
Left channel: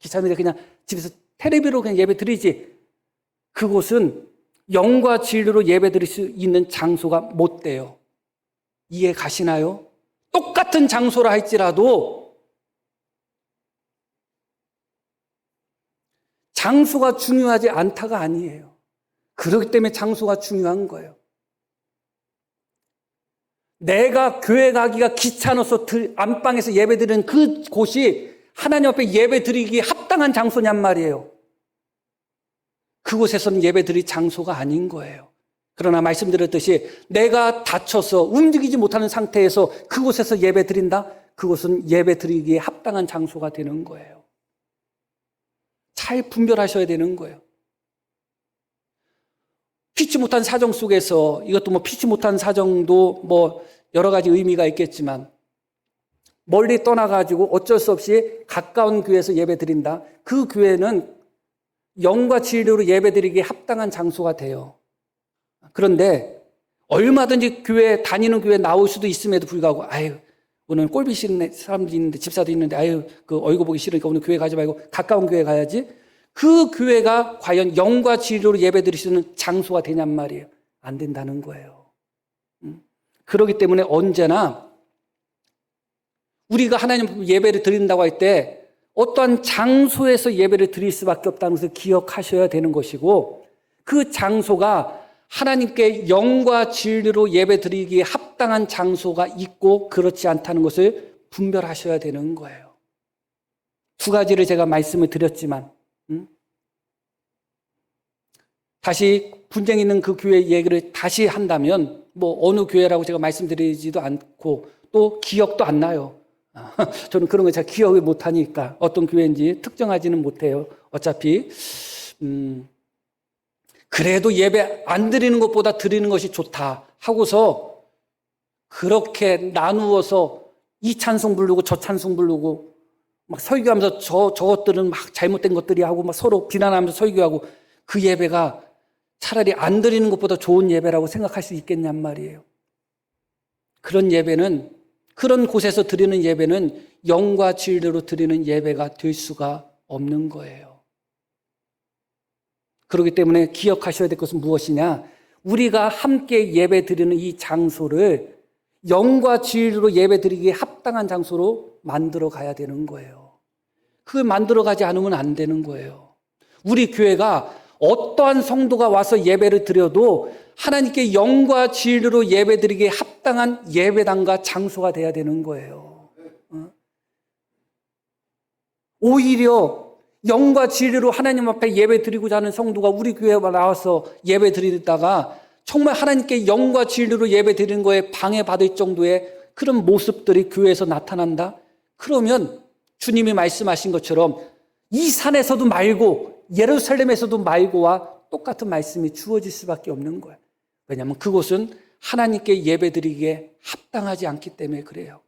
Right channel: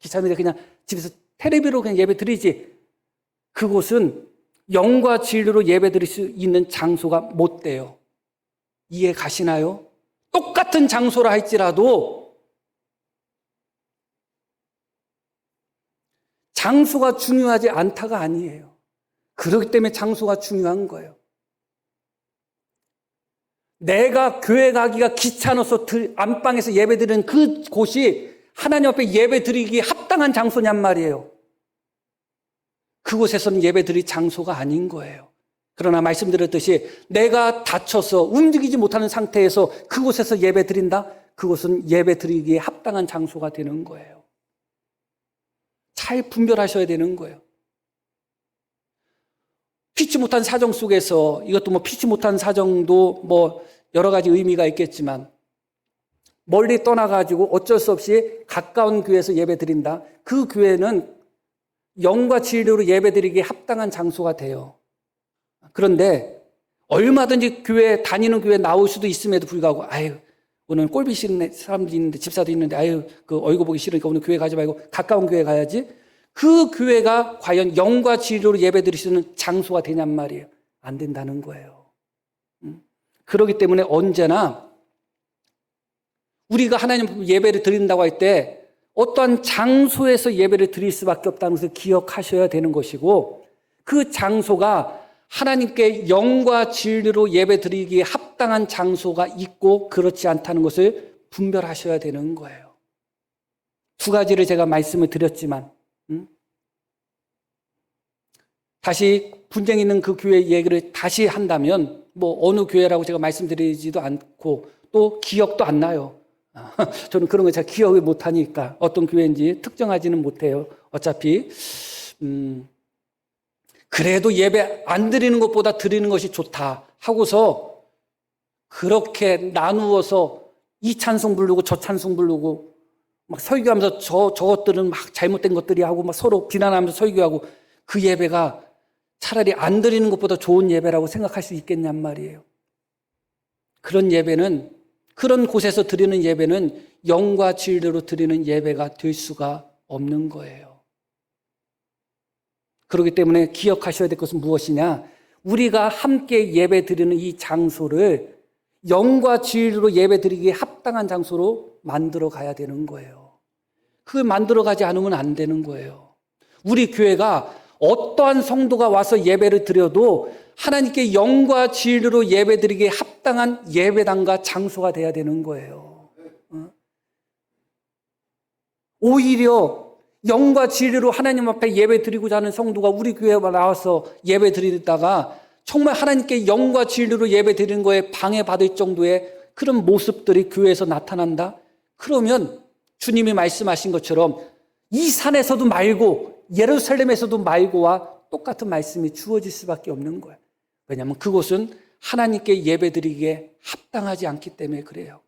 귀찮은데 그냥 집에서 텔레비로 그냥 예배 드리지. 그곳은 영과 진리로 예배 드릴 수 있는 장소가 못 돼요. 이해 가시나요? 똑같은 장소라 할지라도 장소가 중요하지 않다가 아니에요. 그렇기 때문에 장소가 중요한 거예요. 내가 교회 가기가 귀찮아서 안방에서 예배 드리는 그곳이 하나님 앞에 예배 드리기에 합당한 장소냔 말이에요. 그곳에서는 예배 드릴 장소가 아닌 거예요. 그러나 말씀드렸듯이 내가 다쳐서 움직이지 못하는 상태에서 그곳에서 예배 드린다? 그곳은 예배 드리기에 합당한 장소가 되는 거예요. 잘 분별하셔야 되는 거예요. 피치 못한 사정 속에서, 이것도 피치 못한 사정도 여러 가지 의미가 있겠지만, 멀리 떠나가지고 어쩔 수 없이 가까운 교회에서 예배 드린다. 그 교회는 영과 진리로 예배 드리기에 합당한 장소가 돼요. 그런데 얼마든지 다니는 교회 나올 수도 있음에도 불구하고, 오늘 꼴보기 싫은 사람들이 있는데, 집사도 있는데, 그 얼굴 보기 싫으니까 오늘 교회 가지 말고 가까운 교회 가야지. 그 교회가 과연 영과 진리로 예배 드릴 수 있는 장소가 되냔 말이에요. 안 된다는 거예요. 그렇기 때문에 언제나 우리가 하나님 예배를 드린다고 할 때 어떠한 장소에서 예배를 드릴 수밖에 없다는 것을 기억하셔야 되는 것이고, 그 장소가 하나님께 영과 진리로 예배 드리기에 합당한 장소가 있고 그렇지 않다는 것을 분별하셔야 되는 거예요. 두 가지를 제가 말씀을 드렸지만, 다시 분쟁 있는 그 교회 얘기를 다시 한다면 어느 교회라고 제가 말씀드리지도 않고 또 기억도 안 나요. 저는 그런 거 잘 기억을 못하니까 어떤 교회인지 특정하지는 못해요. 어차피 그래도 예배 안 드리는 것보다 드리는 것이 좋다 하고서 그렇게 나누어서 이 찬송 부르고 저 찬송 부르고 설교하면서 저것들은 잘못된 것들이 하고 서로 비난하면서 설교하고, 그 예배가 차라리 안 드리는 것보다 좋은 예배라고 생각할 수 있겠냔 말이에요. 그런 곳에서 드리는 예배는 영과 진리로 드리는 예배가 될 수가 없는 거예요. 그렇기 때문에 기억하셔야 될 것은 무엇이냐? 우리가 함께 예배 드리는 이 장소를 영과 진리로 예배 드리기에 합당한 장소로 만들어 가야 되는 거예요. 그걸 만들어 가지 않으면 안 되는 거예요. 우리 교회가 어떠한 성도가 와서 예배를 드려도 하나님께 영과 진리로 예배 드리기에 합당한 예배당과 장소가 돼야 되는 거예요. 오히려 영과 진리로 하나님 앞에 예배 드리고자 하는 성도가 우리 교회에 나와서 예배 드리다가 정말 하나님께 영과 진리로 예배 드리는 거에 방해받을 정도의 그런 모습들이 교회에서 나타난다? 그러면 주님이 말씀하신 것처럼 이 산에서도 말고 예루살렘에서도 말고와 똑같은 말씀이 주어질 수밖에 없는 거예요. 왜냐하면 그곳은 하나님께 예배드리기에 합당하지 않기 때문에 그래요.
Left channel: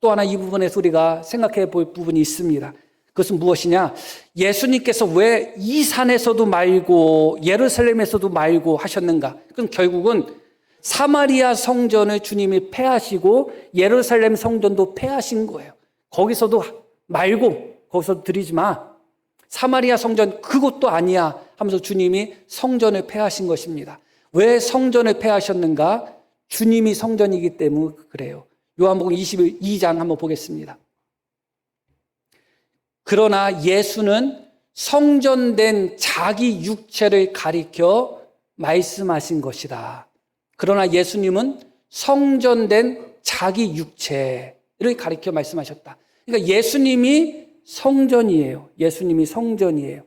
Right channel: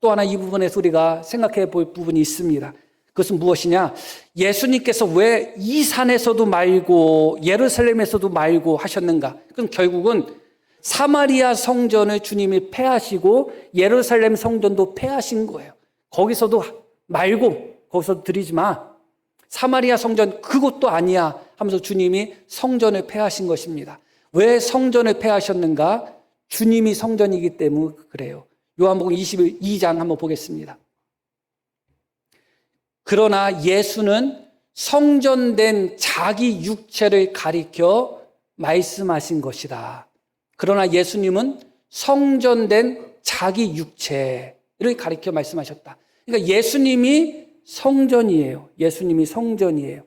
또 하나 이 부분에서 우리가 생각해 볼 부분이 있습니다. 그것은 무엇이냐? 예수님께서 왜 이 산에서도 말고 예루살렘에서도 말고 하셨는가? 그럼 결국은 사마리아 성전을 주님이 폐하시고 예루살렘 성전도 폐하신 거예요. 거기서도 말고 거기서 드리지 마. 사마리아 성전 그것도 아니야 하면서 주님이 성전을 폐하신 것입니다. 왜 성전을 폐하셨는가? 주님이 성전이기 때문에 그래요. 요한복음 22장 한번 보겠습니다. 그러나 예수는 성전된 자기 육체를 가리켜 말씀하신 것이다. 그러나 예수님은 성전된 자기 육체를 가리켜 말씀하셨다. 그러니까 예수님이 성전이에요. 예수님이 성전이에요.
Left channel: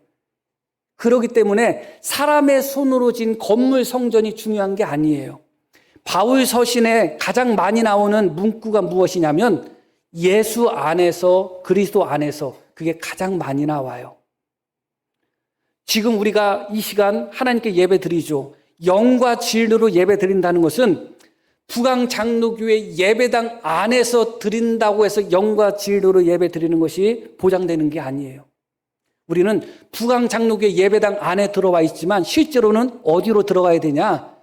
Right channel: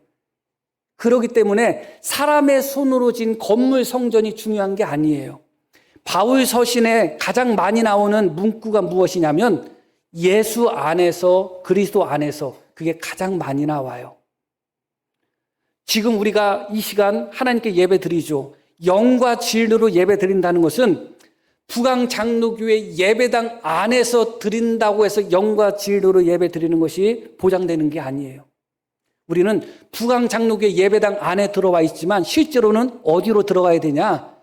그렇기 때문에 사람의 손으로 진 건물 성전이 중요한 게 아니에요. 바울 서신에 가장 많이 나오는 문구가 무엇이냐면 예수 안에서, 그리스도 안에서, 그게 가장 많이 나와요. 지금 우리가 이 시간 하나님께 예배 드리죠. 영과 진리로 예배 드린다는 것은 북왕장로교회 예배당 안에서 드린다고 해서 영과 진리로 예배 드리는 것이 보장되는 게 아니에요. 우리는 부강장로교회 예배당 안에 들어와 있지만 실제로는 어디로 들어가야 되냐?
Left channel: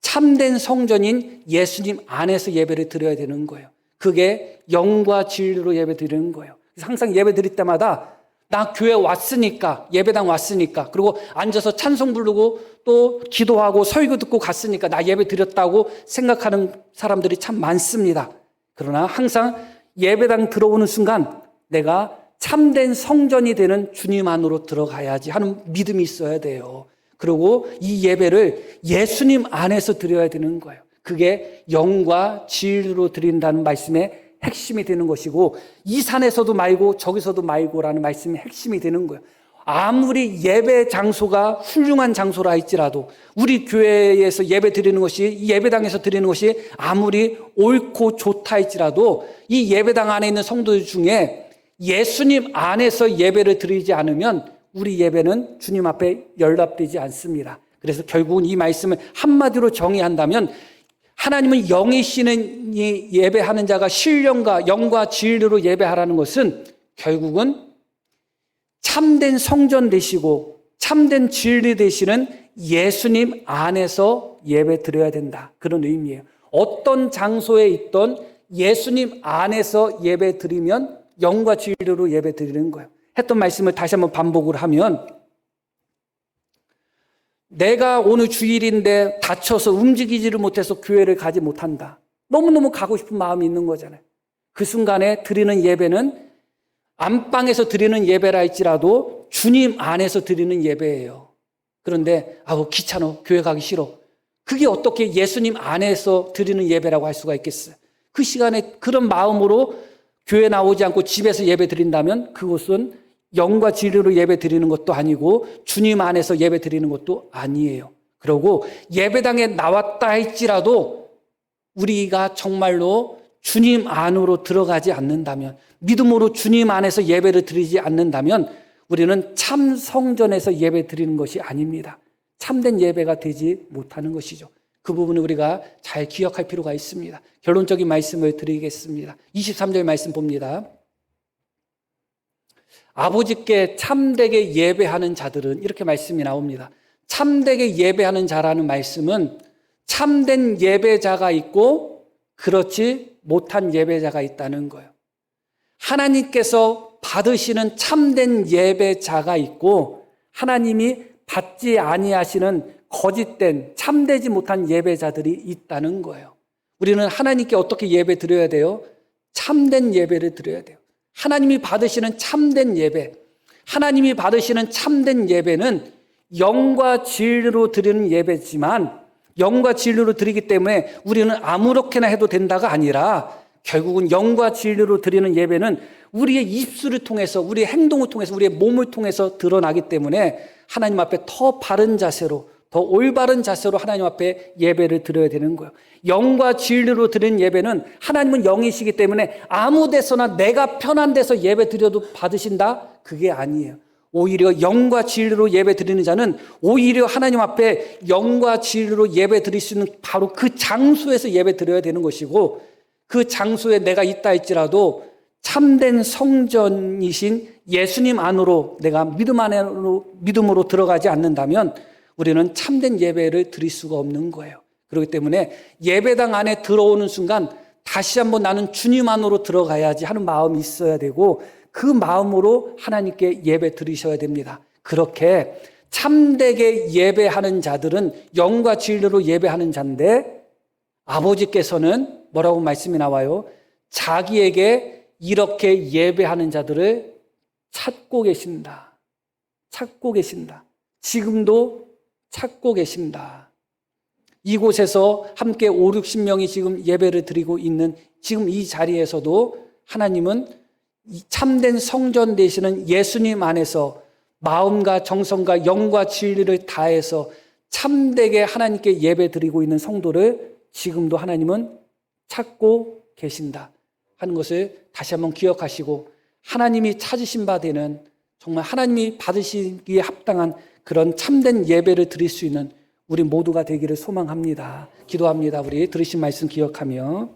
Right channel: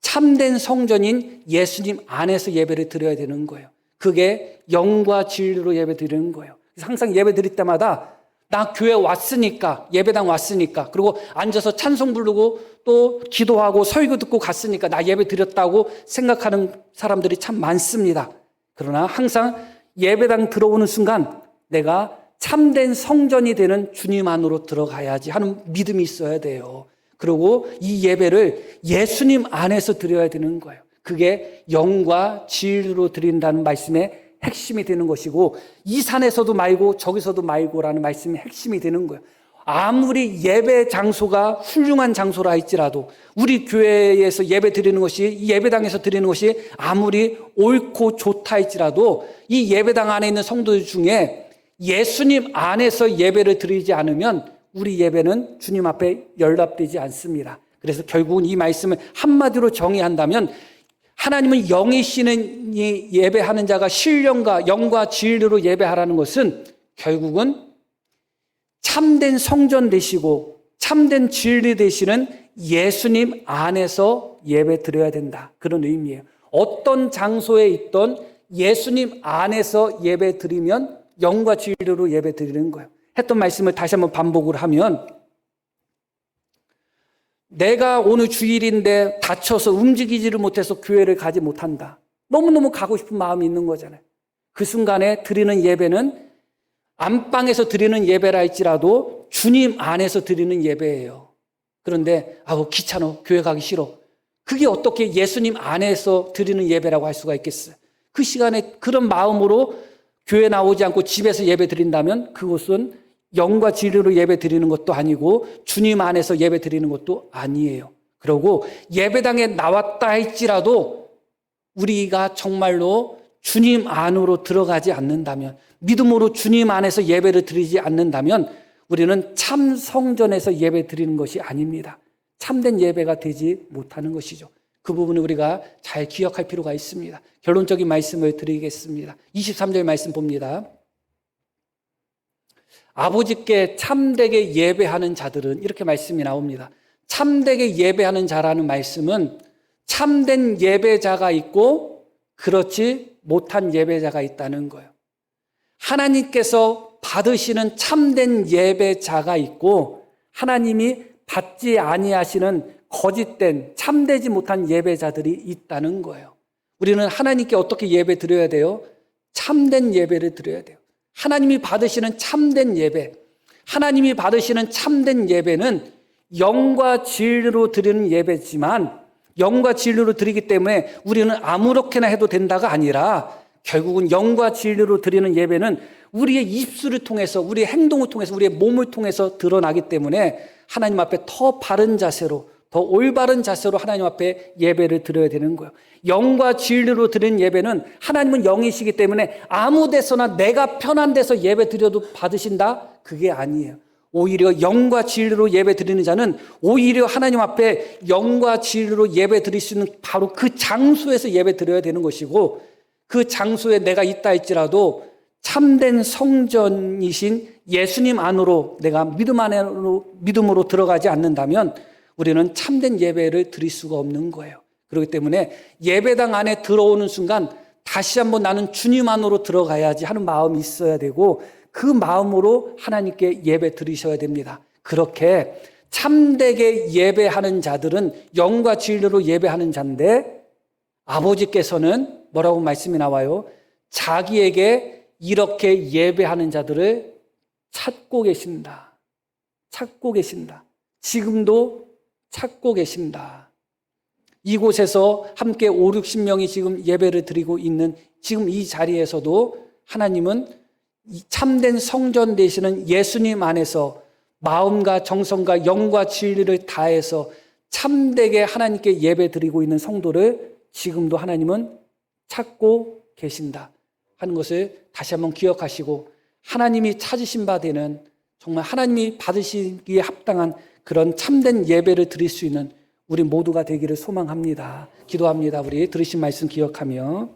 참된 성전인 예수님 안에서 예배를 드려야 되는 거예요. 그게 영과 진리로 예배 드리는 거예요. 항상 예배 드릴 때마다 나 교회 왔으니까, 예배당 왔으니까, 그리고 앉아서 찬송 부르고 또 기도하고 설교 듣고 갔으니까 나 예배 드렸다고 생각하는 사람들이 참 많습니다. 그러나 항상 예배당 들어오는 순간 내가 참된 성전이 되는 주님 안으로 들어가야지 하는 믿음이 있어야 돼요. 그리고 이 예배를 예수님 안에서 드려야 되는 거예요. 그게 영과 진리로 드린다는 말씀의 핵심이 되는 것이고, 이 산에서도 말고 저기서도 말고라는 말씀이 핵심이 되는 거예요. 아무리 예배 장소가 훌륭한 장소라 할지라도, 우리 교회에서 예배 드리는 것이, 예배당에서 드리는 것이 아무리 옳고 좋다 할지라도 이 예배당 안에 있는 성도들 중에 예수님 안에서 예배를 드리지 않으면 우리 예배는 주님 앞에 연락되지 않습니다. 그래서 결국은 이 말씀을 한마디로 정의한다면, 하나님은 영이시는 이 예배하는 자가 신령과 영과 진리로 예배하라는 것은 결국은 참된 성전 되시고 참된 진리 되시는 예수님 안에서 예배 드려야 된다, 그런 의미예요. 어떤 장소에 있던 예수님 안에서 예배 드리면 영과 진리로 예배 드리는 거예요. 했던 말씀을 다시 한번 반복을 하면, 내가 오늘 주일인데 다쳐서 움직이지를 못해서 교회를 가지 못한다. 너무너무 가고 싶은 마음이 있는 거잖아요. 그 순간에 드리는 예배는 안방에서 드리는 예배라 할지라도 주님 안에서 드리는 예배예요. 그런데 귀찮아, 교회 가기 싫어. 그게 어떻게 예수님 안에서 드리는 예배라고 할 수가 있겠어요? 그 시간에 그런 마음으로 교회 나오지 않고 집에서 예배 드린다면 그것은 영과 진리로 예배 드리는 것도 아니고 주님 안에서 예배 드리는 것도 아니에요. 그리고 예배당에 나왔다 할지라도 우리가 정말로 주님 안으로 들어가지 않는다면, 믿음으로 주님 안에서 예배를 드리지 않는다면 우리는 참 성전에서 예배 드리는 것이 아닙니다. 참된 예배가 되지 못하는 것이죠. 그 부분을 우리가 잘 기억할 필요가 있습니다. 결론적인 말씀을 드리겠습니다. 23절 말씀 봅니다. 아버지께 참되게 예배하는 자들은, 이렇게 말씀이 나옵니다. 참되게 예배하는 자라는 말씀은 참된 예배자가 있고 그렇지 못한 예배자가 있다는 거예요. 하나님께서 받으시는 참된 예배자가 있고 하나님이 받지 아니하시는 거짓된 참되지 못한 예배자들이 있다는 거예요. 우리는 하나님께 어떻게 예배 드려야 돼요? 참된 예배를 드려야 돼요. 하나님이 받으시는 참된 예배, 하나님이 받으시는 참된 예배는 영과 진리로 드리는 예배지만, 영과 진리로 드리기 때문에 우리는 아무렇게나 해도 된다가 아니라 결국은 영과 진리로 드리는 예배는 우리의 입술을 통해서, 우리의 행동을 통해서, 우리의 몸을 통해서 드러나기 때문에 하나님 앞에 더 바른 자세로, 더 올바른 자세로 하나님 앞에 예배를 드려야 되는 거예요. 영과 진리로 드리는 예배는, 하나님은 영이시기 때문에 아무 데서나 내가 편한 데서 예배 드려도 받으신다? 그게 아니에요. 오히려 영과 진리로 예배 드리는 자는 오히려 하나님 앞에 영과 진리로 예배 드릴 수 있는 바로 그 장소에서 예배 드려야 되는 것이고, 그 장소에 내가 있다 할지라도 참된 성전이신 예수님 안으로 내가 믿음으로 들어가지 않는다면 우리는 참된 예배를 드릴 수가 없는 거예요. 그렇기 때문에 예배당 안에 들어오는 순간 다시 한번 나는 주님 안으로 들어가야지 하는 마음이 있어야 되고, 그 마음으로 하나님께 예배 드리셔야 됩니다. 그렇게 참되게 예배하는 자들은 영과 진리로 예배하는 자인데, 아버지께서는 뭐라고 말씀이 나와요? 자기에게 이렇게 예배하는 자들을 찾고 계신다. 찾고 계신다. 지금도 찾고 계신다. 이곳에서 함께 5, 60명이 지금 예배를 드리고 있는 지금 이 자리에서도 하나님은 이 참된 성전 되시는 예수님 안에서 마음과 정성과 영과 진리를 다해서 참되게 하나님께 예배 드리고 있는 성도를 지금도 하나님은 찾고 계신다 하는 것을 다시 한번 기억하시고, 하나님이 찾으신 바 되는, 정말 하나님이 받으시기에 합당한 그런 참된 예배를 드릴 수 있는 우리 모두가 되기를 소망합니다. 기도합니다. 우리 들으신 말씀 기억하며